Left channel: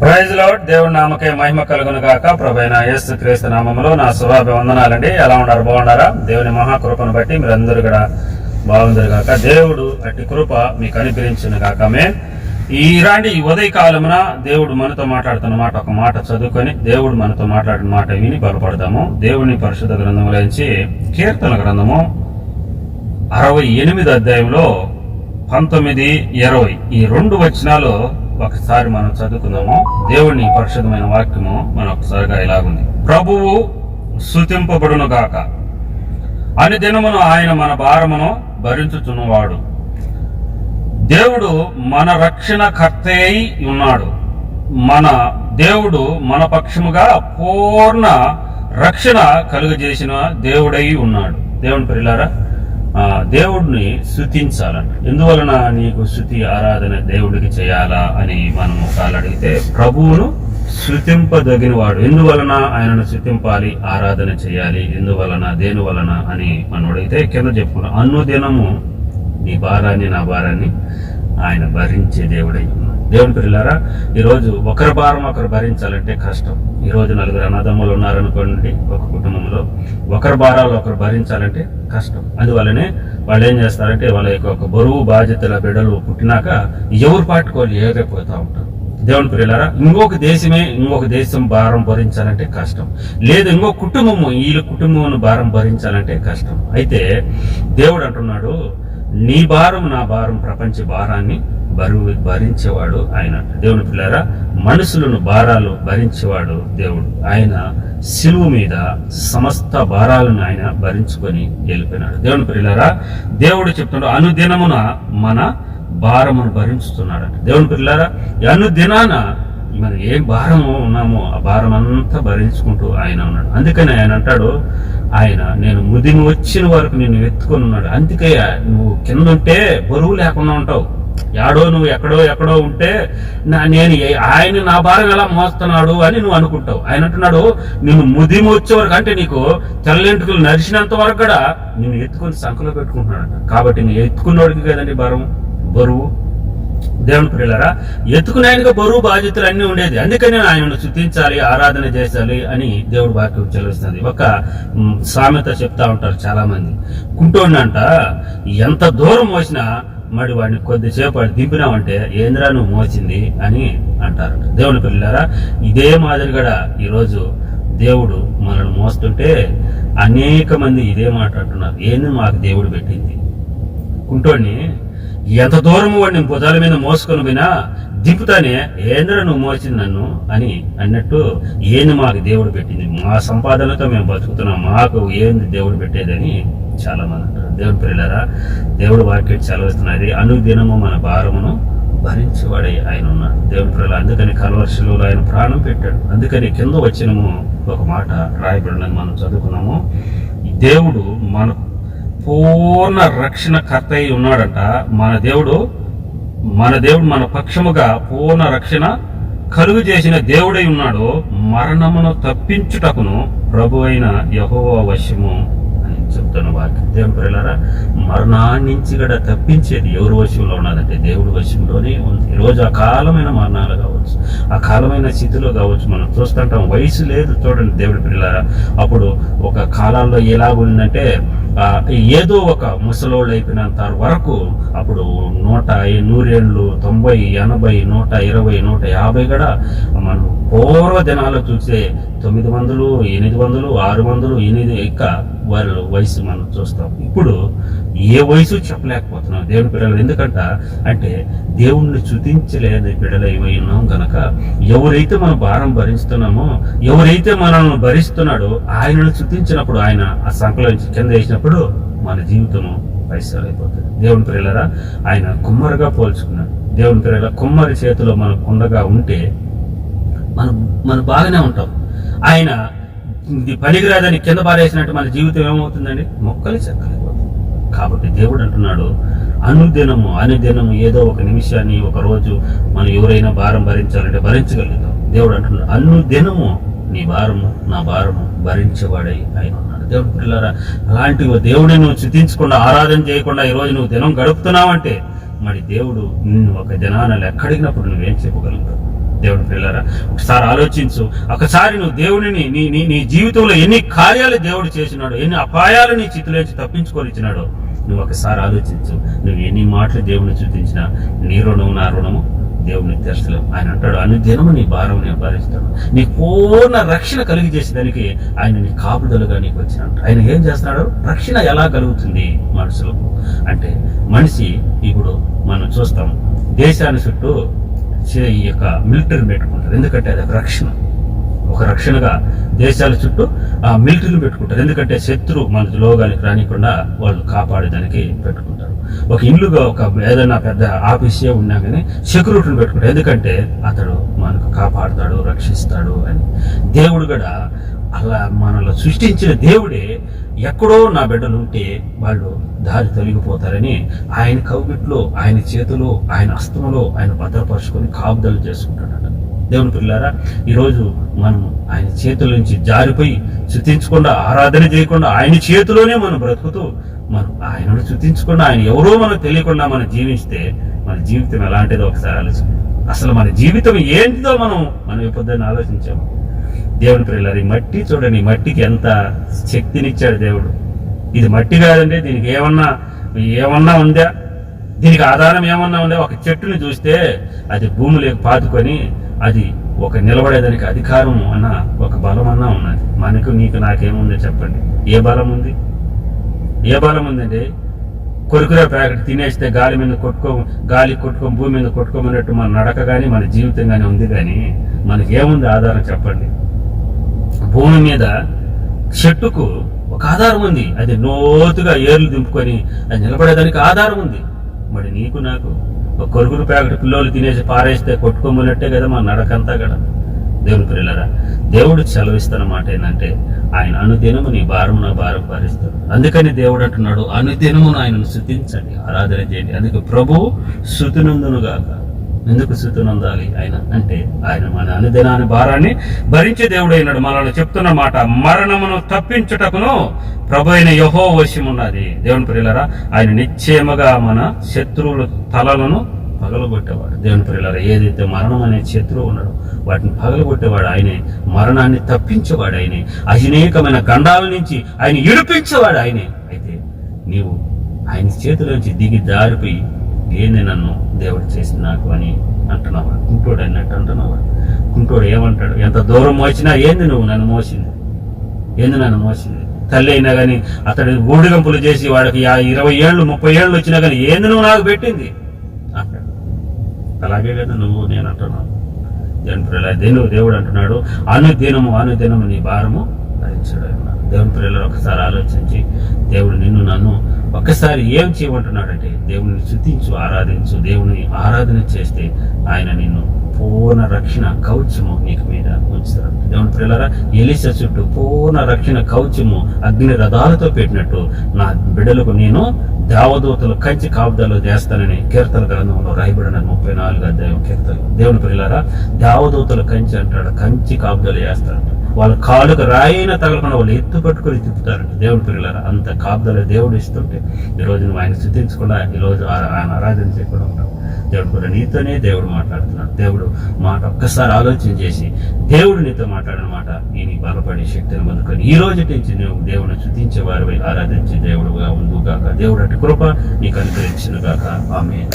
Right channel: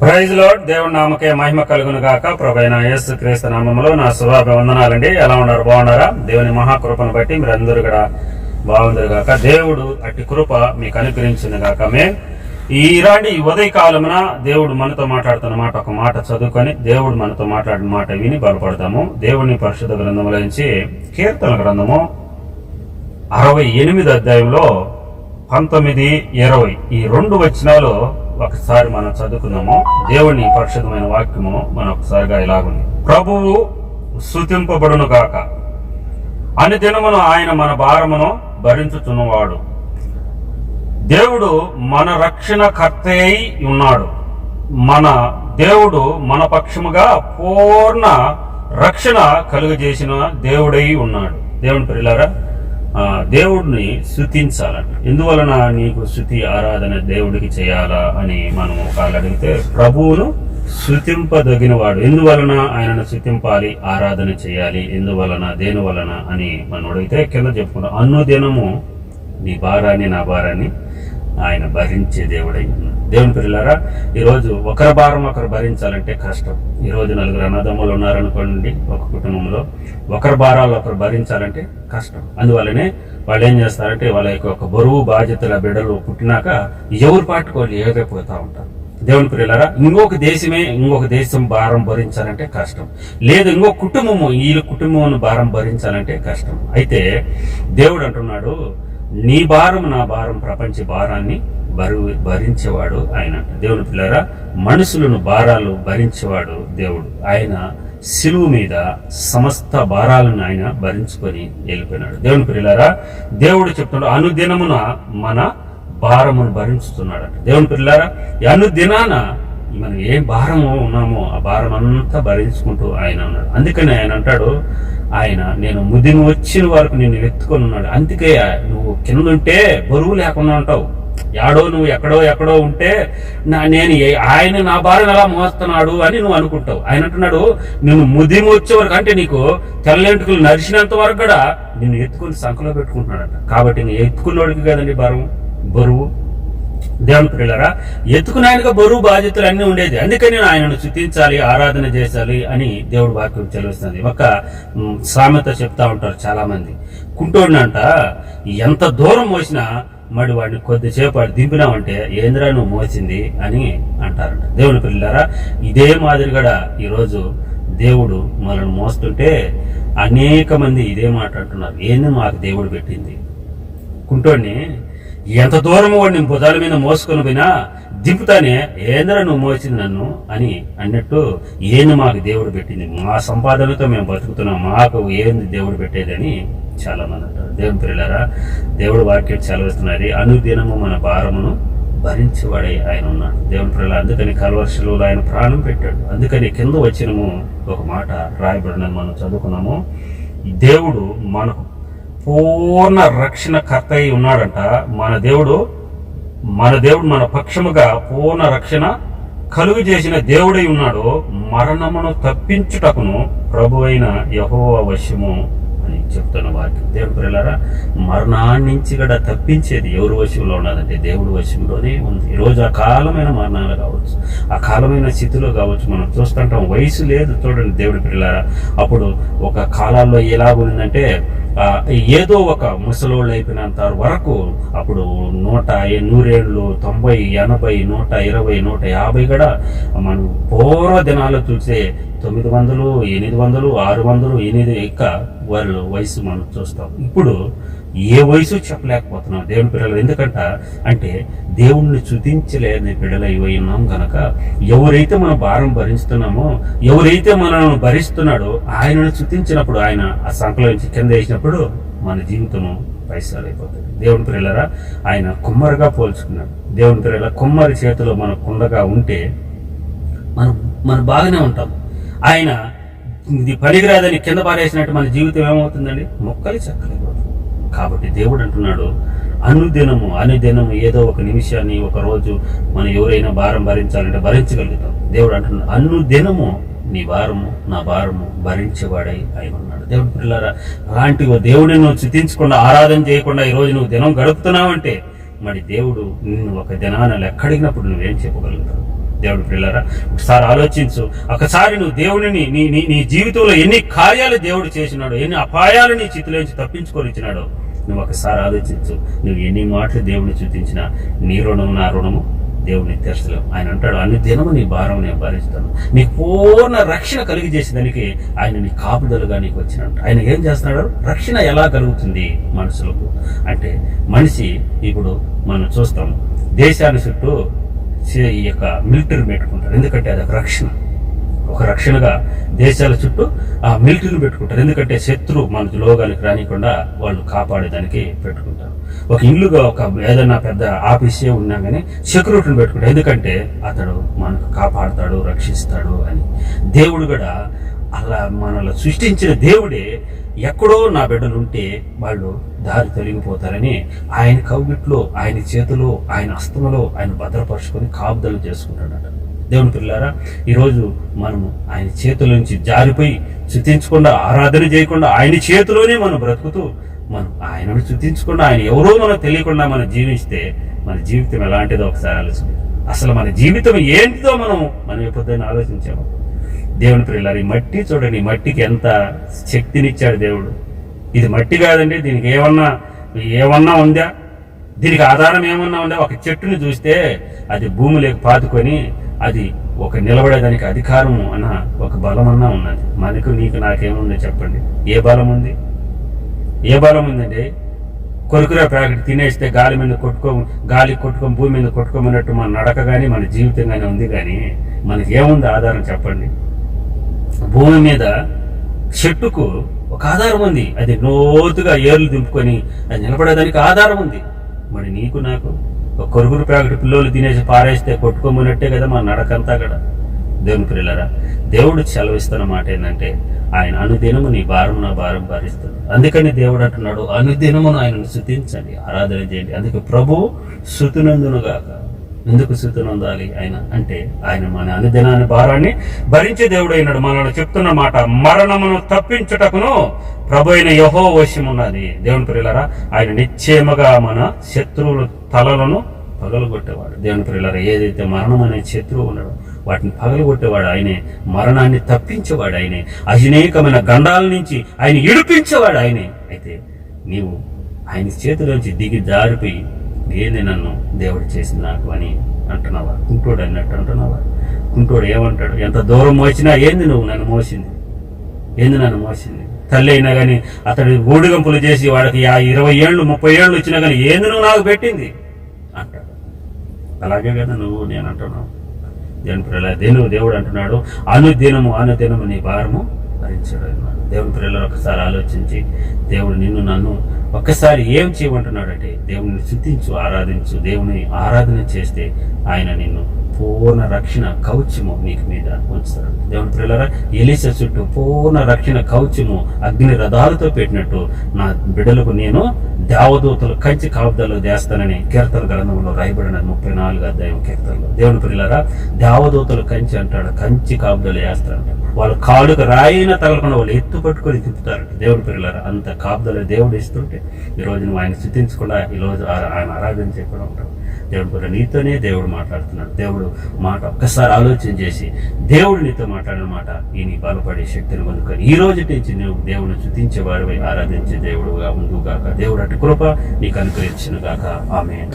Praise lord. దేవుడి నామకే మహిమ కలుగును గాక. ప్రభువైన యేసు క్రీస్తు నామములో నా శుభాభివందనాలండి. ఎలా ఉన్నారు? బాగున్నారా? దేవుని మహాకృపను బట్టి మీరందరూ కూడా బాగుందరు గాక. దేవుడు అట్టి కృప మీకు అనుగ్రహించును గాక. ఈ ఉదయ కాలమున దేవుడు మనతో మాట్లాడుతున్న మాట ఒక మాట చదువుకొని దేవుడు మనతో మాట్లాడిన మాట విని బలపడదాము. దేవుని పరిశుద్ధ గ్రంథములోంచి కీర్తన గ్రంథము 68 అధ్యాయంలో 19, 20 ఈ 2 వచనాలు ఒకసారి మనం చదువుకుందాము. దేవుని పరిశుద్ధమైన వాక్యము మనం ఒకసారిగా ఇలాగుంది. ప్రభువు స్తుతింపబడును గాక. అన్ని దినమును ఆయన మన భారమును భరించుచున్నవాడు. దేవుడు మన రక్షణ కర్త అయి ఉన్నాడు. మన దేవుడు మన పక్షముగా పూర్ణ రక్షణ కలుగజేసిన దేవుడై ఉన్నాడు. దేవుని ప్రియులారా, దేవుడిని స్తుతించాలంట. ఎందువలన నీకు స్తుతి ఆరాధన దేవుడికి చేయాలా అని మనం ఒకళ్ళు అడిగితే, ప్రభువును స్తుతింపదగిన వాడు. ఎందువలన ఆయనను స్తుతింపాలి, ఆరాధన చేయాలి, ఎందువలన, దేని వలన అని మనం అడిగితే కింద చెప్పుకుంటాం, అనుదినము నీ భారాన్ని నా భారాన్ని ఆయన భరించే దేవుడై ఉన్నాడు. దేవుని పిల్లలారా, ఈరోజు ఒకరి భారం ఒకరు భరించాలంటే కష్టం. ఈరోజు 4 అన్నదమ్ములు ఉన్నారనుకోండి, ఒక కుటుంబంలో ఒకరి భారాలు ఒకరు భరించాలంటే కష్టం. అందువల్లనే వాళ్ళు ఏం చేస్తారంటే, వాళ్ళ యొక్క ఒక బరువు బాధ్యతల బిడ్డలు పుట్టినాక ఎవరు పాటుకోవాలి ఎగరైపోతూ ఉంటారు. దేవుని పిల్లలారా, ఇంకొక దేశం భారం భరించాలంటే కష్టం. లేదు ఇంకొక కుటుంబము, ఈ కుటుంబం భారం భరించాలంటే కష్టం. అయితే దేవుడు అంటున్నాడు, నీ భారం నా భారం, ప్రపంచ భారాన్ని భరించేవాడు ఆయన. దేవుని పిల్లరా, మనుషులను భారాలు భరించేవాడు దేవుడు. ఆయన శిలువ మీద సమస్త భారాలను ఆయన భరించుకొని వెళ్ళిపోయినాడు. దేవుని పిల్లరా, దేవుడు చెప్తున్నాడు, అనుదినమున మన భారమును భరించుతున్నాడు. దేవుని పిల్లరా, అనుదినాన మనం ఏ భారము ఉన్నామో ఆ భారం అంతా భరించుకుంటూ ఆయన ఉన్నాడు. అందుకని ఆయన అంటాడు, ఆయన నేను ముదిని వచ్చిన వరకు నిన్ను ఎత్తుకొని ఉన్నాడు. అందుకే నువ్వు కింద ఉంటే బరువు లేకుండా ఉంటావు. నువ్వు ఎక్కడో ఉంటే ఆయన నా భారం ఎలా మోస్తున్నాడు అని నువ్వు అనుకుంటావు. ఆయన అంటున్నాడు, నిన్ను ముదిమి వచ్చే వరకు, అంటే నీకు తెల్లెంటుకలు నరిచినంత వరకు కూడా నిన్ను ఎత్తుకొని సంఖలో పెట్టుకుంటున్నాడట. కాబట్టి నువ్వు ఎత్తుకున్నోడికి కదండి బరువు. దేవుని పిల్లరా, ఎత్తుకుని ఆయనగా బరువు బాధ్యతలు అన్నీ ఉండేది. అందుకని ఆయనను స్తుతించాలి, ఆరాధన చేయాలి అని దేవుడు వాక్యం చెల్లిస్తుంది. ఒక సామెత చెప్తా ఉంటారు చాలా మంది, కుంటోడినంట ఎంత దూరం మోసినా మరి వాడిని కొద్దిసేపు వాడు దింపినామంటే ఏంద్రా నువ్వు మోసింది అని అంటారంట. దేవుని పిల్లరా, ఇదే మాదిరిగా ఈరోజు దేవుడు మనల్ని మోస్తుంటే అనేక మంది ఇదే మాట అంటున్నారు, ఏంది మాకు దేవుడు పెట్టింది. కుంటోడిని ఎంత దూరము వాడిని భుజాల మీద మోసుకొని పోయినా దింపుతానే, ఏంద్రా నువ్వు మోసింది నన్ను అని అన్నట్టు, ఏంది మాకు దేవుడు పెట్టింది, మా సంపాదనతో మేము బతుకుతున్నాం, మాకు ఏంది దేవుడు పెట్టేదని చాలా మంది అంటారు. దేవుని ప్రియులారా, దేవుడు వాక్యం చదివిస్తున్నది, అనుదినము మన భారమును భరించేవాడై ఆయన ఉన్నాడు. దేవుని ప్రియులారా, అందుకని కల్వర్షిలో ఆయన ప్రాణం పెట్టాడు. అందుకని కింద వచ్చినము ఒక మాట రాయబడినది మనం చదువుకున్నాము, దేవుడు మనకు పూర్ణ రక్షణ కర్త అయి ఉన్నాడంట. మన దేవుడు మన పక్షముగా పూర్ణ రక్షణ కలుగు చేసిన దేవుడై ఉన్నాడు. మరణమును తప్పించుటకును ప్రభు అయిన యెహోవా వశము అని చెప్తాను వారికి. దేవుని ప్రియులారా, మరణాన్ని నుంచి కూడా తప్పించేది ఎవరి వశంలో ఉన్నదంటే దేవుడి వశంలోనే ఉంది. ఈరోజు అకాలమైన మరణాలు కావచ్చు, అకాలమైన స్థితిలో కావచ్చు, మనం చూస్తుంటాం. వయసు లేదు చూడండి దేవుడి ప్రియులారా. అప్పుడు ఒక కాలాల్లో ఎలా ఉందంటే, ఏదో ఒక ముసలోళ్ళు అయిపోయినంత వరకు అప్పుడు 100 ఏళ్ళు, 90, 80, 120, 150 కూడా మనం పూర్వ దినాల్లో చూసే 900, 800, 600, 800 ఇంకా వాళ్ళ వయసు మనం చూస్తాం. ఇప్పుడు ఏ వయసు చెప్పలేకపోతున్నాం దేవుని పిల్లలు. అంటే దేవుణ్ణి స్తుతించలేని పిల్లలు అయి ఉన్నాం కనుక, ఎవరైతే మనం భారం భరిస్తున్నామో, ఎవరైతే మనల్ని భరిస్తున్నాడో ఆయనను స్తుతించినప్పుడు, ఆయన ఆ సంకలం నుంచి కింద వేసినప్పుడు మన జీవితము పైసలైపోతుంది. దేవుని ప్రియులరా, ఆయన కుమ్మరిగా పోల్చుకున్నాడు. దేవుని ప్రియుల, కుమ్మరి చేతిలో మన కుండగా ఉంటే మనం బాగానే ఉంటాం. ఆయన ఇది పనికిరాదని కింద పారేసినట్టు మన జీవితం ఏమవుతుందండి, మొక్కలు చెక్కలైపోతుంది. కాబట్టి దేవుడు అంటున్నాడు, అనుదినము ఏదో ఒక నిమిషాన్ని, ఒక రోజు మనం ఎవరైనా భారం భరించాలంటే భరించగలుగుతాం. దేవుడు అంటున్నాడు, అనుదినము నీ భారము నా భారము భరించేవాడై ఆయన ఉన్నాడు. దేవుడు పిల్లలారా, అలాంటి దేవుడిని నువ్వు స్తుతించకుండా, ఆరాధన చేయకుండా ఈరోజు నువ్వు దినం గడుపుతున్నావంటే, మరి దేవుడు నిన్ను ఒక దినాన లెక్కడిగినప్పుడు నువ్వేం చెప్పగలుగుతావు? దేవుని పిల్లరా, ఒకసారి ఆలోచించు. ఒకసారి నువ్వు దేవుడిని నీ జీవితంలో ఎన్ని కార్యాలు దేవుడు చేసినాడో, ఎన్ని అపాయాలు నీ చిత్తులోంచి తప్పించుకొని ఇచ్చినాడో నువ్వు ఒకసారి ఆలోచించు. నువ్వు ఎన్ని మాటలు దేవుడిని చూపించినా నీ రుణము నా రుణము దేవుడిని తీర్చలేము. ఆయన అంటాడు, అనుదినము నీ భారం నేను భరిస్తాను. నీ పూర్ణ రక్షణ కలిగి చేసేదానికి ఆయన నీ కాపుదలుగా నీకు వచ్చినట్టు. ఆయన ఏం చేస్తున్నాడు? రక్షణ ఎలా కలుగుతుంది మనుషులకు అంటే, మనిషి ఇప్పుడు మనం చూస్తాం దేశాన్ని చుట్టూ ఈ యొక్క మిలిటరీ పెట్టుకుంటారు. ఎందుకంటే అది ఒక రక్షణగా దేశాల చుట్టూ ఆ మిలిటరీని పెట్టుకుంటారు. ఎందుకంటే శత్రు మన లోగానికి రానికుండా వాళ్ళు కాపాడేదానికి పెట్టుకుంటారు. ఒక ఇల్లుగా ఏదైనా పెద్ద ఆఫీసే ఉన్నా కానీ సెక్యూరిటీని పెట్టుకుంటారు. ఎందుకంటే అతడు మనకు కాపాడుతాడు, రక్షిస్తాడు అని. దేవుడు కూడా అలా మనల్ని సృష్టించిన దేవుడే ఎక్కడో నా బిడ్డలు ఉంటే వాళ్ళు దారి తొలగిపోతారని ఆయన కౌగిట్లో, ఆయన చేతిలో, ఆయన హస్తంలో ఆయన భద్రపరుచుకొని కాపుదలు చేసుకుంటాడట. దేవుని పిల్లారా, ఈరోజు మనము ఆయన చేతుల నుంచి జారిపోయి స్తుతించకుండా, ఆరాధన చేయకుండా, ఆయన చేతిలోనే మనం బ్రతుకుతూ మనం ఆయనను స్తుతించకుండా, ఆయన ఎవరో మనకు తెలియకుండా మనం జీవిస్తే మన జీవితం ఎలాంటిదో ఒకసారి ఆలోచన. అసలు మన జీవితం ఏంటిదో మనం ఎప్పుడైనా ఆలోచించాము. దేవుని పిల్లారు, ఈ మట్టి చూడండి, ఈ మట్టికి ఎంత శక్తినిచ్చాడు దేవుడు. ఇది మట్టి కాదండి, దీనికి ఏమన్నా ఉందా? దీనికి ఆధారం ఏమన్నా ఉందా? ఒక చెట్టుని చూస్తే అది భూమిలోకి పాతుకొని అది ఒక నిలబడేదానికి అధికారం అన్న ఒక బలం అన్నా ఉన్నది. మనకు నీకు నాకేముందో చెప్పండి? ఏ బలం ఉందండి? కొరుకురా ప్యాకెట్ తినేస్తే గాలి కొట్టుకొని భూమి మీద కొట్టుకోమన్నట్టు మన నడక కానీ మన జీవితం కానీ ఉంది. కానీ మనకి ఏముంది ఆధారం చెప్పండి? భూమి మీద చెట్టుకు ఒక ఆధారం ఉంది. అది లోతుగా ఏర్లు దింపుకొని అది నిలబడేదానికి ఆధారం ఉంది. మరి నీకు నాకు ఒక కొరుగురు ప్యాకెట్ పిల్లలు తినేసి పారేస్తే కొట్టుకోమన్నట్టే కదా మన నడకంతా కూడా. దేవుని పిల్లరా, దేవుడు సెలవిస్తున్న మాట ఏంటంటే, ఆయన అనుదినము నీ భారం నా భారం భరిస్తాడు. అందుకని దేవుడు అంటున్నాడు, అనుదినమును ఆయనను స్తుతించండి, ఆరాధన చేయండి. అందుకే ప్రభువు స్తుతినందునుగాక. ఎందుకు స్తుతినందాలి ఆయన అంటే, ఆయన మన అనుదినాన్ని భారాన్ని భరించే దేవుడు అయినాడు. మనల్ని చెప్తున్న మాట, మరణమును తప్పించుటకును ప్రభు అయిన యెహోవా వశమున్నది. దేవుని ప్రియులారా, ఆయన నిశ్చయముగా మన శత్రువుల తలలను పగలగొట్టేవాడు. దేవుని ప్రియులారా, ఏదైతే మరణం అనే శత్రువు ఉన్నాడో వాటిని పగలగొట్టేవాడు ఆయనే. మరణాన్ని తప్పించేవాడు ఆయనే. అనేకమైన గండాల నుంచి ఆయన ఇడిపించేవాడు ఆయనే. అయితే నీవు ఆయన చేతిలోంచి దిగి జారిపోయి, ఏంది నన్ను దేవుడు చేసింది నాకు అని అంటున్నావా? కుంటోడు అన్నట్టు అంటున్నావా? కుంటోడు ఏమంటాడు? ఎంత దూరం మోసినా ఏంది నువ్వు నన్ను మోసింది? తల్లి అయినా కానీ అతడు ఊడిగంపులు చేసి వాడికి 20 ఏళ్ళు 30 ఏళ్ళు వచ్చినా కానీ ఏంది నువ్వు నాకు పెట్టింది అంటాడు. అలాగే కదా నేను అంటున్నావు. దేవుడు అంటున్నాడు, అనుదినము నీ భారము భరించాడు అన్నాడు. దేవుని పిల్లలు ఒకసారి ఆలోచించి, దేవుడు నిన్ను నన్ను ఒక్కసారి ఏం చేయమంటున్నాడంటే, దేవుని స్తుతించు, ఆరాధించు. దేవుని ఆరాధన చేస్తే ఆయన నిన్ను పూర్ణ రక్షణ కవచము నీకు మీద ఉంచుతాడు. దేవుని పిల్లరా, ఎలీషా చుట్టూ పూర్ణ రక్షణ కవచము అగ్ని రథాలతో పెట్టినట్టు నా బిడ్డలకు నేను దేవదూతలు కంచి కాపుదలు చేస్తానని కీర్తన గ్రంథంలో రాయబడిన 34వ అధ్యాయం కీర్తనలు. దేవుని పిల్లరా, దేవదూతలు కంచి అంటాడు, కంచి కాపుదలు చేస్తారంట. వాళ్ళ కాలుకు రాయిన తగలకుండా వాళ్ళు ఎత్తు పట్టుకొని తిప్పుతారంట. దేవుని పిల్లరా, అంత కాపుదల దేవుడు ఇస్తుంటే ఈరోజు నువ్వు ఆయన స్తుతించకుండా, ఈరోజు ఆయన ఆరాధన చేయకుండా ఉంటావు. దేవుడు కూడా నీతోనే దేవుడు మాట్లాడుతున్నాడు. దేవుడు మాట ఒక్కసారి ఆలోచన చేసి, దేవుడు నీతో మాట్లాడిన మాట నీ బలపడే శక్తిని పొందుకొని ఈ రోజు నుంచి నువ్వు దేవుని స్తుతించే వారిపై ఆరాధించే దేవుడుగా ఉండుగాక. దేవుడు అటు కృప నీకు అనుగ్రహించును గాక. ఆమేన్.